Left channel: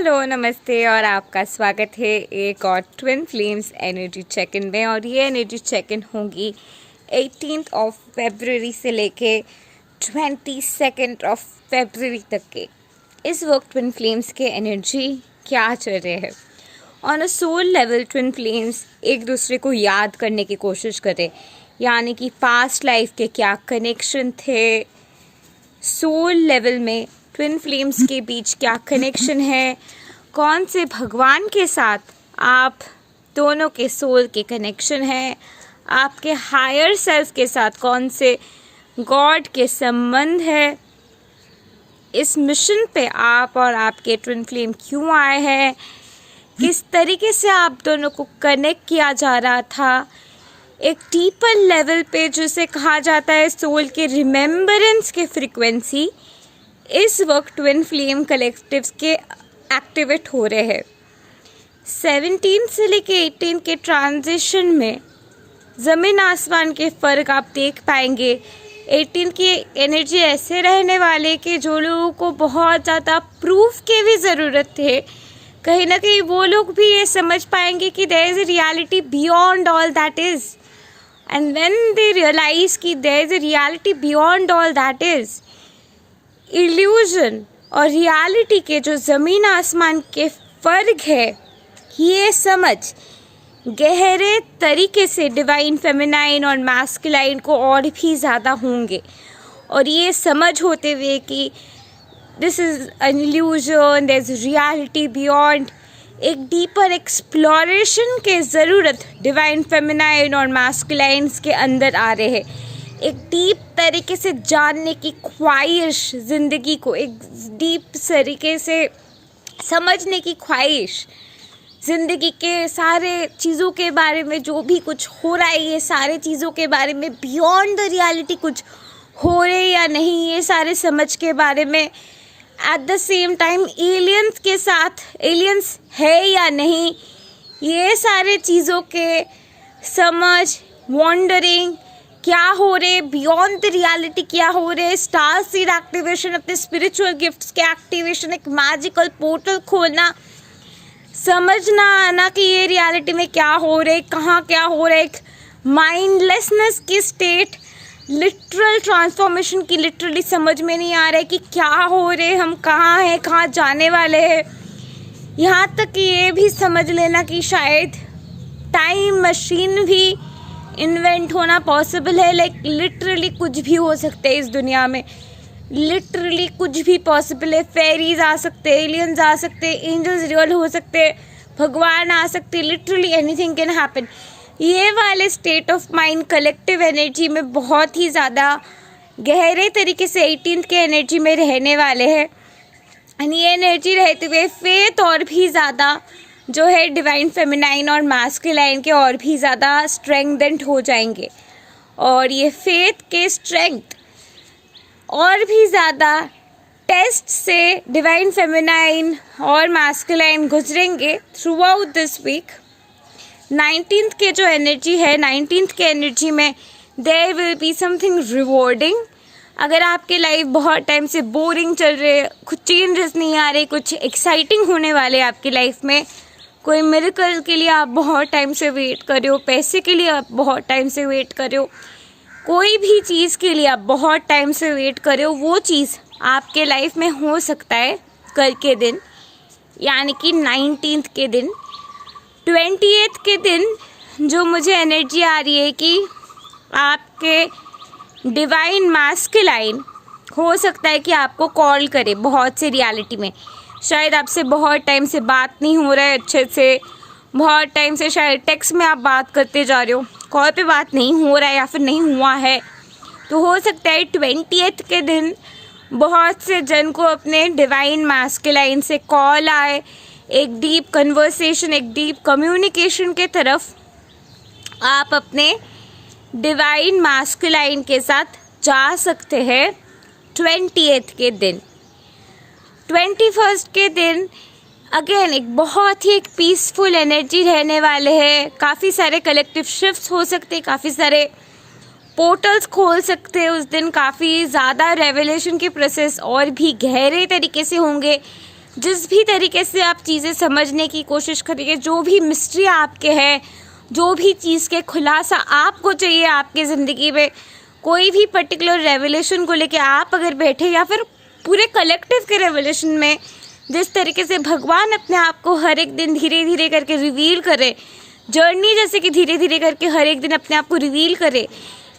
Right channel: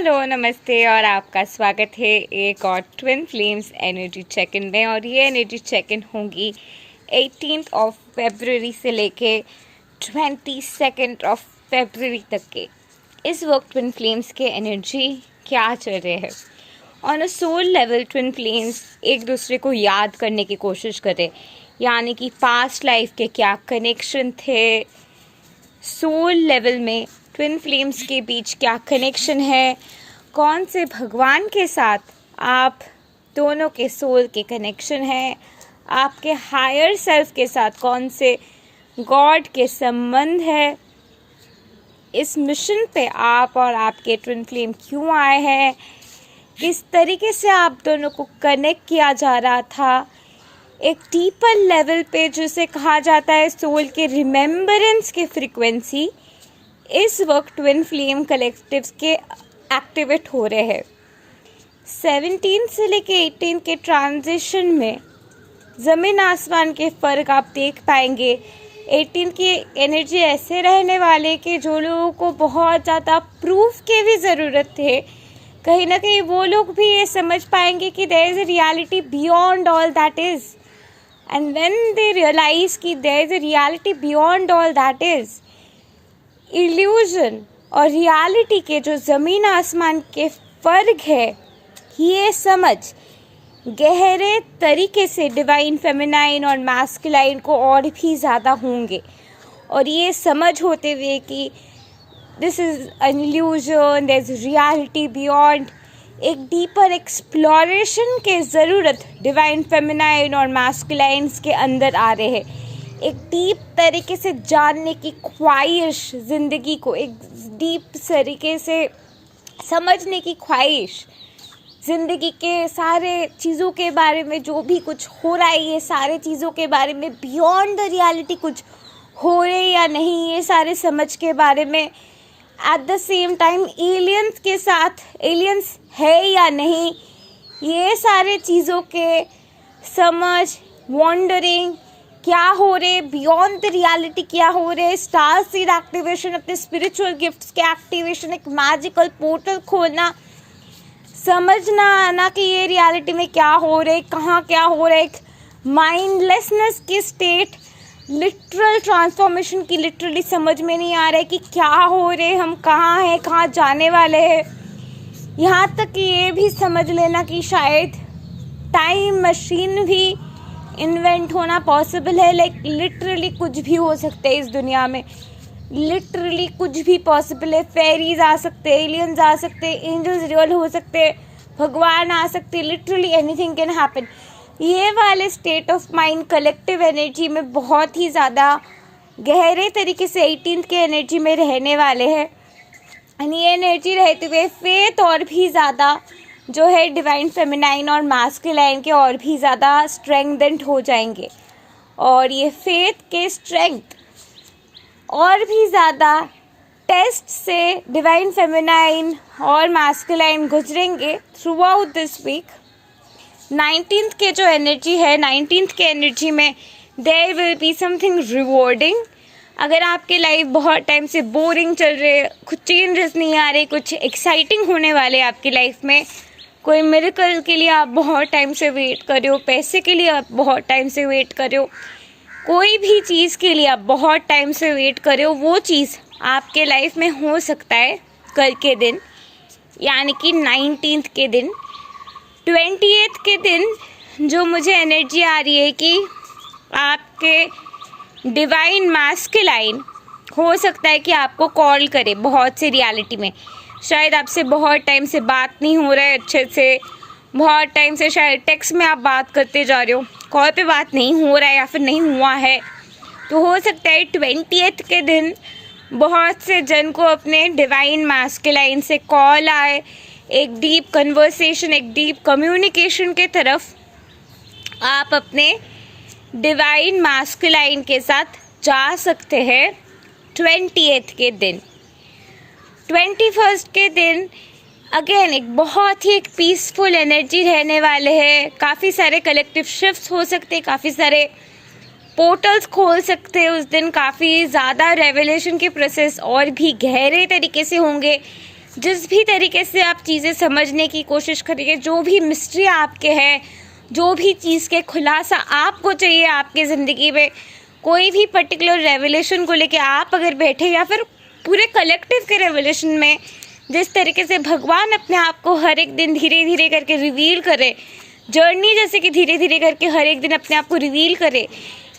Hello नमस्ते और आपका स्वागत है एक और twin flames energy check in में। और ये एनर्जी चेक इन होंगी 18th ऑफ फरवरी से लेके 22nd ऑफ फरवरी तक के। इस वक्त ट्विन फ्लेम्स के एनर्जी क्या चल रहे हैं। On a soul level twin flames एक दूसरे को याद करने की कोशिश करें, यानी कि पास्ट लाइफ के क्या कनेक्शन थे, सोल लेवल में ट्विन फ्लेम्स के बीच क्या कनेक्शन है, कौन से भगवान के साथ आप दोनों के सोल के कनेक्शन है, आपके हायर सेल्फ के साथ कौन से गॉड के संबंध है, इस मिशन पे आप और आपके ट्विन फ्लेम क्यों आए हैं, किस तरीके से आप दोनों को कनेक्ट किया जा रहा था, एक डीपर लेवल पे जिसे कहा जाता है सोल के रिमेम्बरेंस के फ्रीक्वेंसी इस वक्त ट्विन फ्लेम कलेक्टिव्स के एक्टिवेट हो रहे हैं। 17 से लेके 18 के ट्रांजिशन में ज़मीन आसमान के फ़र्क आप देख पाएंगे। 18 की एनर्जी ऐसे रहने वाले कि जो लोगों को बहुत ज़्यादा प्रूफ की भी ज़रूरत है, कहीं ना कहीं वो लोग भी ये समझ पाएंगे कि there is a reality beyond all that is. And when they realize कि there is a reality beyond all that is, illusion और रियलिटी के जो ज़मीन आसमान के फ़र्क है, ये समझ गहरे तरीके से डिवाइन फेमिनाइन और मैस्कुलाइन को और भी ज़्यादा होंगे। और ये समझ होते हुए कि this is an illusion, there is reality beyond, एक डीपर एक्सप्लोरेशन के ज़रूरत डिवाइन फेमिनाइन और मैस्कुलाइन्स के अंदर आ रहे हैं। एक डीप तरीके से जानने की ख्वाहिश, ज़िंदगी को एक डीप तरीके से समझने की ख्वाहिश, ज़िंदगी के सारे चीज़ों के बारे में जो भी कुछ हो रहा है, ये सारे चीज़ों के बारे में बियॉन्ड द रियलिटी कुछ हो रहे या नहीं, ये सारे समझ के बारे में। At the same time aliens के साथ एलियंस है या नहीं, ये सारे चीज़ों के समझ, वॉन्डरिंग, क्या हो रहे बियॉन्ड द रियलिटी, क्या हो रहे, स्टार सीड एक्टिवेशन, अपने स्पिरिचुअल गिफ्ट्स के एक्टिवेशन, एक मैजिकल पोर्टल खोलना, समझना आना कि ये रियलिटी में क्या हो रहे, कहाँ क्या हो रहा है, एक माइंडलेसनेस की स्टेट, लिटरल ट्रांसफॉर्मेशन की लिटरली समझ में नहीं आ रहा है कि क्या हो रहे, हम कहाँ हैं, कहाँ जाने वाले हैं। यहाँ तक कि ये भी समझ लेना कि शायद टाइम मशीन भी इन्वेंट होना पॉसिबल है। लाइक लिटरली कुछ भी हो सकता है इस दुनिया में, लिटरली कुछ भी पॉसिबल है। फेरीज आ सकते हैं, एलियंस आ सकते हैं, एंजल्स रियल हो सकते हैं, भगवान आ सकते हैं, लिटरली एनीथिंग कैन हैपन। ये वाले state of mind collective energy में बहुत ही ज़्यादा गहरे तरीके से 18th के एनर्जी में रहने वाले हैं। एंड ये एनर्जी रहते हुए फेथ और भी ज़्यादा जो है डिवाइन फेमिनाइन और मैस्कुलाइन के और भी ज़्यादा स्ट्रेंथेंड हो जाएंगे। और ये फेथ के स्ट्रेंथ और भी ज़्यादा टेस्ट से डिवाइन फेमिनाइन और मैस्कुलाइन गुजरेंगे throughout this week. 19th के जो एनर्जी है, 19th के एनर्जी में there will be something rewarding. अगर आपके लाइफ बहुत टाइम से बोरिंग चल रहे, कुछ चेंजेस नहीं आ रहे, कुछ एक्साइटिंग होने वाले आपकी लाइफ में, कोई मिरेकल के लिए आप बहुत टाइम से वेट कर रहे हो, पैसे के लिए आप बहुत टाइम से वेट कर रहे हो, कोई भी चीज़ के लिए आप बहुत टाइम से वेट कर रहे हो, वो चीज़ आपके लाइफ में हो सकता है कल के दिन, यानी कि 19th के दिन। 28th के दिन जो मुझे एनर्जी आ रही है कि आपके डिवाइन मैस्कुलाइन हो सकता है कि आपको कॉल करे बहुत से रियलिटी में। शायद आपसे बहुत टाइम से बात नहीं हो रहा है अच्छे से, बहुत टाइम से शायद टेक्स्ट में आप बात करते जा रहे हो, कॉल पे बात नहीं हो रहा है या फिर नहीं हुआ है। तो हो सकता है 20th के दिन बहुत से जन को अपने डिवाइन मैस्कुलाइन से कॉल आए, एक डीप कन्वर्सेशन, एक डीप कम्युनिकेशन के तरफ आप अपने डिवाइन मैस्कुलाइन के साथ जा सकते हैं 20th के दिन। 21st के दिन अगेन एक बहुत ही एक पीसफुल एनर्जी रहने वाले हैं। काफ़ी सारे कलेक्टिव शिफ्ट्स हो सकते हैं, काफ़ी सारे पोर्टल्स खोल सकते हैं उस दिन, काफ़ी ज़्यादा रेवलेशन के प्रोसेस और भी गहरे तरीके से होंगे। जिस भी तरीके से आप चीज़ें समझने की कोशिश करिए, जो भी मिस्ट्री आपके है, जो भी चीज़ के खुलासा आपको चाहिए आपकी ज़िंदगी में, कोई भी पर्टिकुलर रेवलेशन को लेके आप अगर बैठे या फिर पूरे कलेक्टिव के रेवलेशन में, जिस तरीके से भगवान अपने आप को हर एक दिन धीरे धीरे करके रिवील करे, जर्नी जैसे कि धीरे धीरे करके हर एक दिन अपने आप को रिवील करे,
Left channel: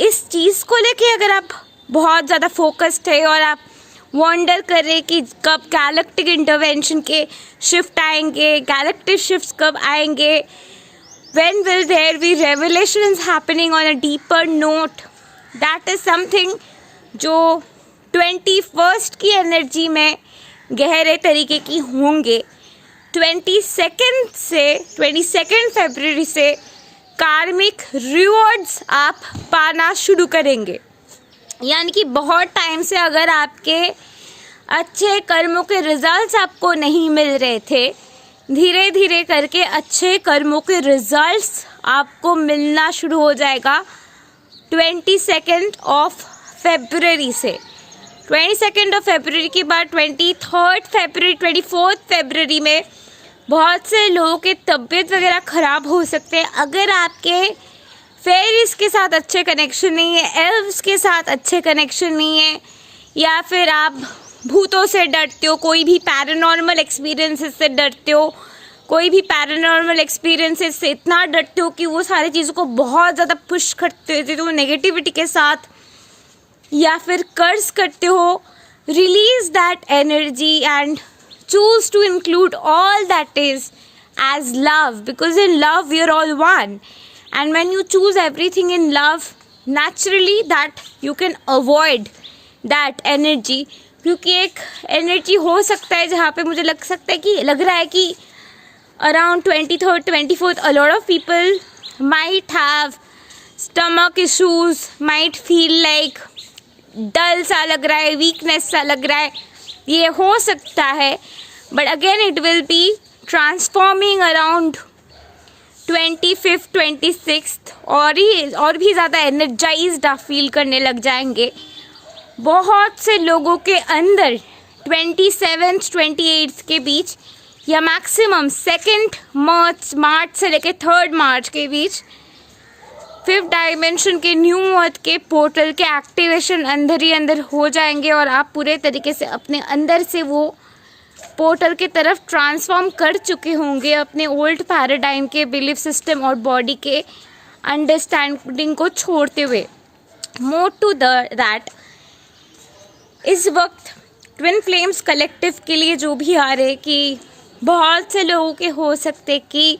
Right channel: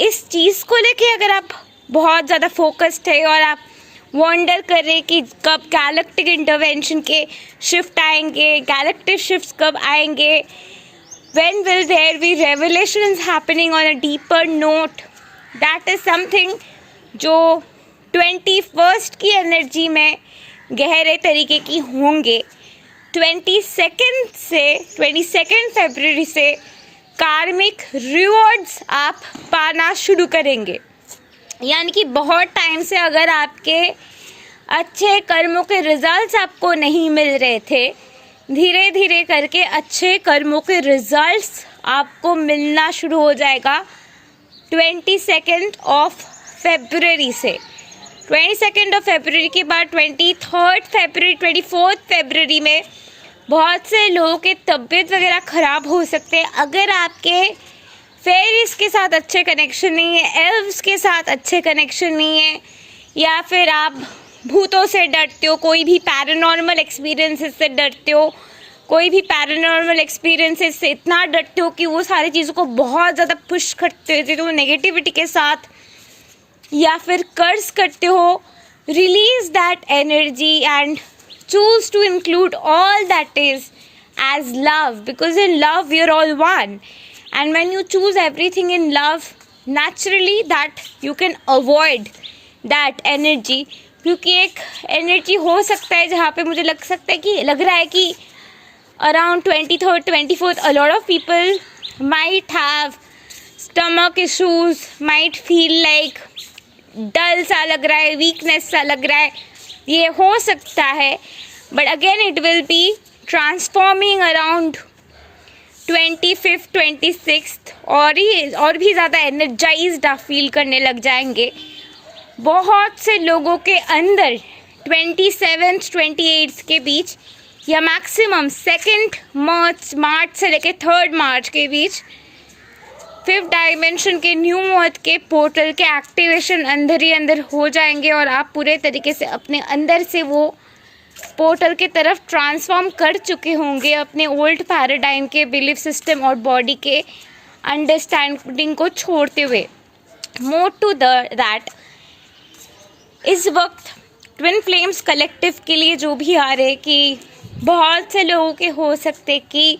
इस चीज़ को लेके अगर आप बहुत ज़्यादा फोकस्ड है और आप वॉन्डर करें कि कब गैलेक्टिक इंटरवेंशन के शिफ्ट आएंगे, गैलेक्टिक शिफ्ट्स कब आएंगे, when will there be revelations happening on a deeper note, that is something जो 21st की एनर्जी में गहरे तरीके की होंगे। 22 फरवरी से कार्मिक रिवॉर्ड्स आप पाना शुरू करेंगे। यानी कि बहुत टाइम से अगर आपके अच्छे कर्मों के रिजल्ट्स आपको नहीं मिल रहे थे, धीरे धीरे करके अच्छे कर्मों के रिजल्ट्स आपको मिलना शुरू हो जाएगा 22 फरवरी से। 22 फरवरी के बाद 23 फरवरी, 24 फरवरी में बहुत से लोगों के तबीयत वगैरह ख़राब हो सकते हैं। अगर आपके फेरीज के साथ अच्छे कनेक्शन नहीं है, एल्व्स के साथ अच्छे कनेक्शन नहीं है, या फिर आप भूतों से डरते हो, कोई भी पैरानॉर्मल एक्सपीरियंसेस से डरते हो, कोई भी पैरानॉर्मल एक्सपीरियंसेस से इतना डरते हो कि वो सारी चीज़ों को बहुत ज़्यादा पुश करते हो तो नेगेटिविटी के साथ, या फिर कर्ज करते हो, release that energy and choose to include all that is as love, because in love we are all one, and when you choose everything in love, naturally that you can avoid that energy, क्योंकि एक energy हो सकता है जहाँ पे मुझे लग रहा है कि around 23rd, 24th a lot of people might have stomach issues, might feel like डल सा लग रहा है, वीकनेस सा लग रहा है, ये हो सकता है, but again it will be transforming around 25th, 26th और भी ज़्यादा एनर्जाइज्ड आप फील करने लग जाएंगे। बहुत से लोगों के अंदर 27th, 28th के बीच या मैक्सिमम 2 मार्च से लेकर 3 मार्च के बीच 5th डायमेंशन के न्यू अर्थ के पोर्टल के एक्टिवेशन अंदर ही अंदर हो जाएंगे और आप पूरे तरीके से अपने अंदर से वो पोर्टल की तरफ ट्रांसफॉर्म कर चुके होंगे, अपने ओल्ड पैराडाइम के बिलीफ सिस्टम और बॉडी के अंडरस्टैंडिंग को छोड़ते हुए। मोर टू दैट, इस वक्त ट्विन फ्लेम्स कलेक्टिव के लिए जो भी आ रहे कि बहुत से लोगों के हो सकते कि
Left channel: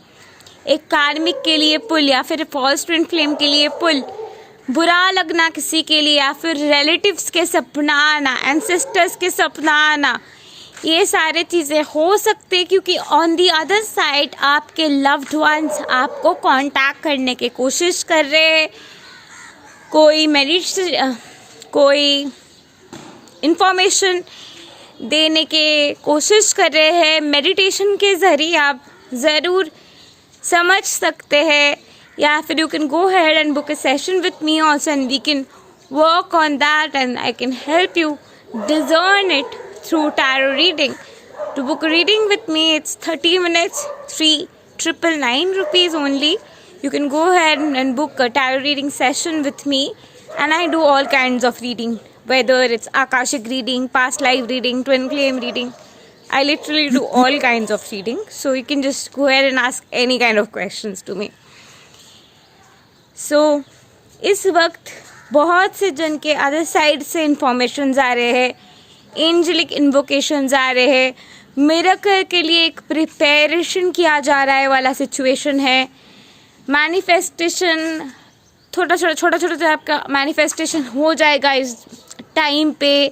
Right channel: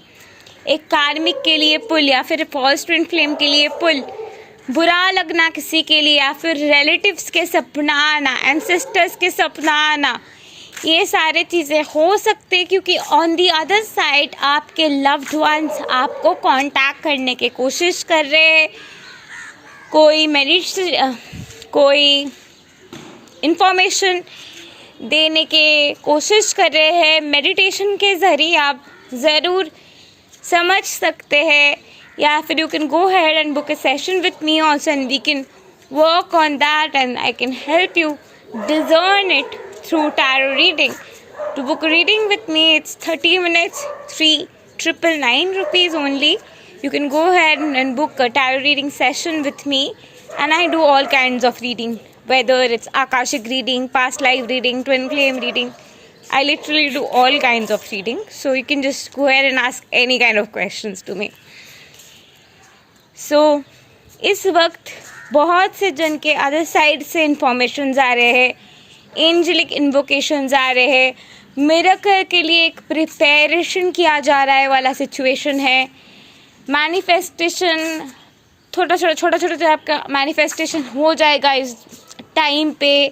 एक कार्मिक के लिए पुल या फिर फॉल्स ट्विन फ्लेम के लिए पुल, बुरा लगना किसी के लिए, या फिर रिलेटिव्स के सपना आना, एंसेस्टर्स के सपना आना, ये सारे चीज़ें हो सकते क्योंकि ऑन दी अदर साइड आपके लव्ड वंस आपको कांटेक्ट करने की कोशिश कर रहे हैं, कोई इंफॉर्मेशन देने की कोशिश कर रहे हैं। मेडिटेशन के ज़रिए आप ज़रूर समझ सकते हैं, या फिर you can go ahead and book a session with me also and we can work on that and I can help you discern it through tarot reading. To book a reading with me, it's 30 minutes, 3,999 rupees only. You can go ahead and book a tarot reading session with me, and I do all kinds of reading, whether it's Akashic reading, past life reading, twin flame reading. I literally do all kinds of reading, so you can just go ahead and ask any kind of questions to me. So इस वक्त बहुत से जन के other side से information आ रहे हैं, angelic इन्वोकेशंस आ रहे हैं, मिरेकल के लिए एक प्रिपरेशन किया जा रहा है वाला सिचुएशन है, मैनिफेस्टेशन छोटा छोटा आपका मैनिफेस्टेशन हो जाएगा इस टाइम पे।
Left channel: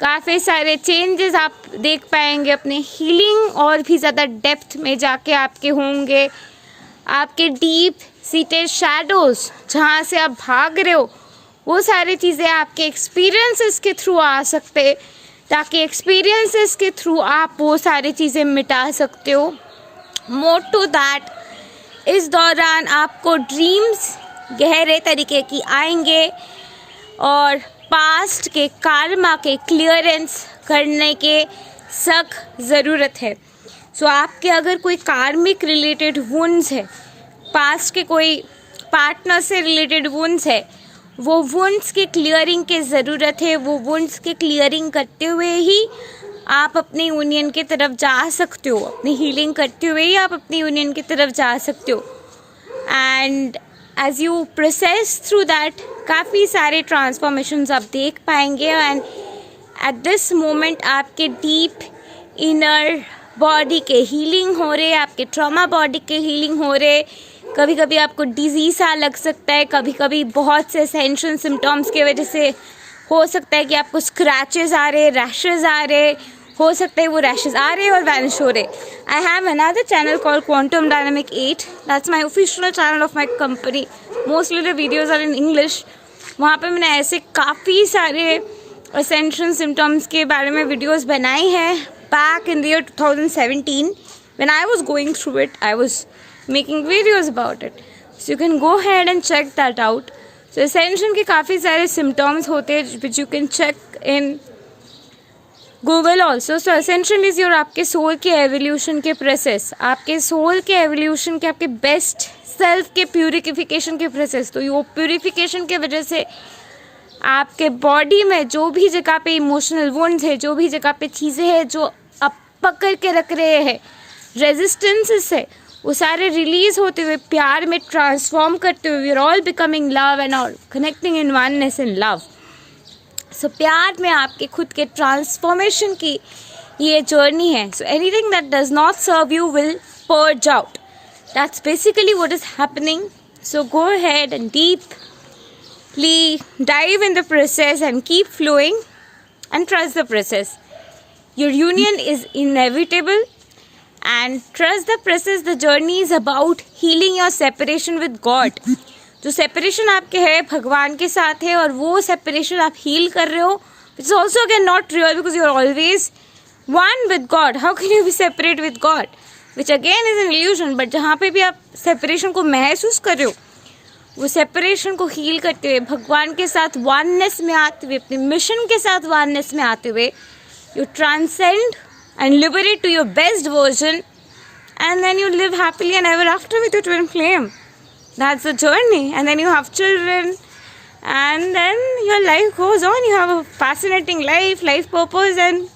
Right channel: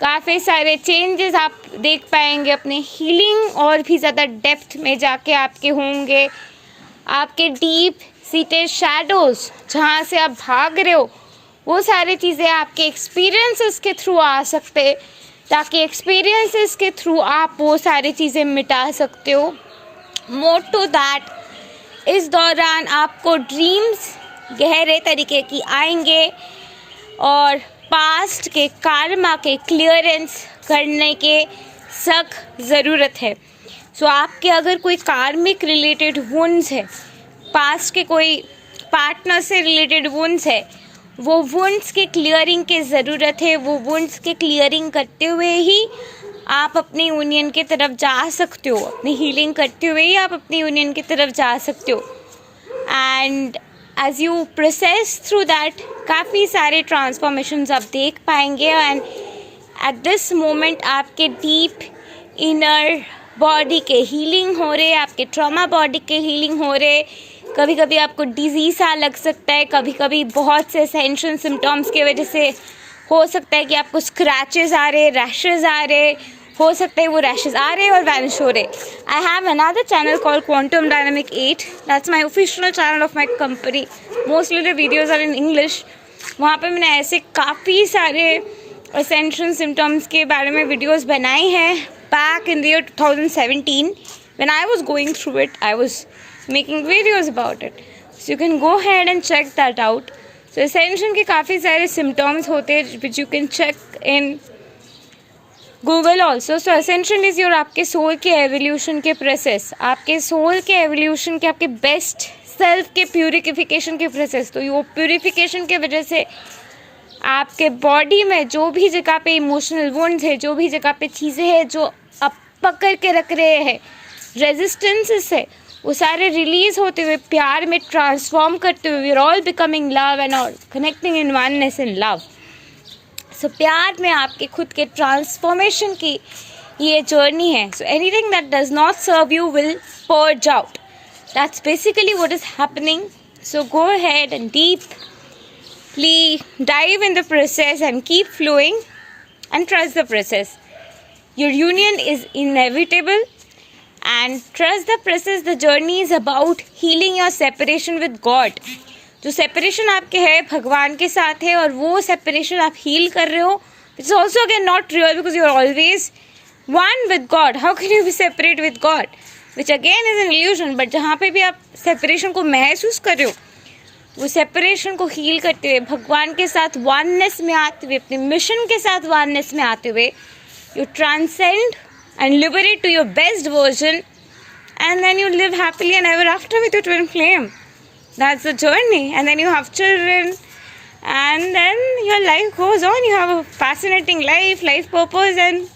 काफ़ी सारे चेंजेस आप देख पाएंगे, अपने हीलिंग और भी ज़्यादा डेप्थ में जाके आपके होंगे। आपके डीप सीटेड शैडोज़ जहाँ से आप भाग रहे हो, वो सारी चीज़ें आपके एक्सपीरियंसेस के थ्रू आ सकते, ताकि एक्सपीरियंसेस के थ्रू आप वो सारी चीज़ें मिटा सकते हो। मोर टू दैट, इस दौरान आपको ड्रीम्स गहरे तरीके की आएंगे और पास्ट के कार्मा के क्लियरेंस करने के सख्त ज़रूरत है। सो आपके अगर कोई कार्मिक रिलेटेड वुंड्स है, पास्ट के कोई पार्टनर से रिलेटेड वुंड्स है, वो वुंड्स के क्लियरिंग की ज़रूरत है। वो वुंड्स के क्लियरिंग करते हुए ही आप अपनी यूनियन की तरफ जा सकते हो, अपनी हीलिंग करते हुए ही आप अपनी यूनियन की तरफ जा सकते हो। And as you process through that काफ़ी सारे ट्रांसफॉर्मेशंस आप देख पाएंगे। एंड एट दिस मोमेंट आपके डीप इनर बॉडी के हीलिंग हो रहे, आपके ट्रॉमा बॉडी के हीलिंग हो रहे। कभी कभी आपको डिजीज़ सा लग सकता है, कभी कभी बहुत से सेंशन सिम्टम्स की वजह से हो सकता है कि आपको स्क्रैचेस आ रहे, रैशेस आ रहे, हो सकता है वो रैशेस आ रहे और वैनिश हो रहे। I have another channel called quantum dynamic 8, that's my official channel of my company. Mostly the videos are in English. वहाँ पे मैंने ऐसे काफ़ी सारे असेंशन सिम्टम्स के बारे में वीडियोज़ बनाए हैं। Back in the year 2017 when I was going through it, I was making videos about it. So you can go ahead and check that out. So ascension के काफ़ी सारे symptoms होते हैं which you can check in Google also. So ascension is your आपके soul के evolution के process, आपके soul के evolution के आपके best self के purification के process। तो वो purification के वजह से आपके बॉडी में जो भी जगह पे इमोशनल वुंड्स है, जो भी जगह पे चीज़ें हैं जो आप पकड़ के रख रहे हैं, रेजिस्टेंसेस है, वो सारे रिलीज होते हुए प्यार में ट्रांसफॉर्म करते हुए we are all becoming love and all connecting in oneness in love. So प्यार में आपके खुद के ट्रांसफॉर्मेशन की ये जर्नी है। So anything that does not serve you will purge out, that's basically what is happening. So go ahead and deeply dive in the process and keep flowing and trust the process. Your union is inevitable and trust the process. The journey is about healing your separation with God. जो separation आपके है भगवान के साथ है और वो separation आप हील कर रहे हो, it's also again not real because you are always one with God. How can you be separate with God, which again is an illusion. But जहाँ पे भी आप सेपरेशन को महसूस कर रहे हो, वो सेपरेशन को हील करते हुए भगवान के साथ वननेस में आते हुए, अपने मिशन के साथ वननेस में आते हुए, you transcend and liberate to your best version, and then you live happily and ever after with your twin flame. That's the journey. And then you have children, and then your life goes on. You have a fascinating life purpose, and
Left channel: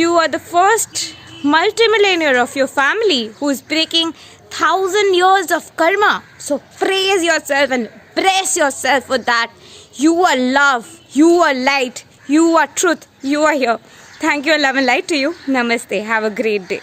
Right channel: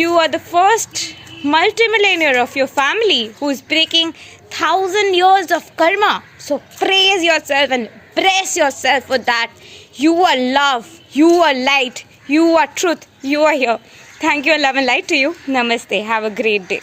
you are the first multimillionaire of your family who is breaking 1,000 years of karma. So praise yourself and bless yourself for that. You are love, you are light, you are truth, you are here. Thank you, love and light to you. Namaste. Have a great day.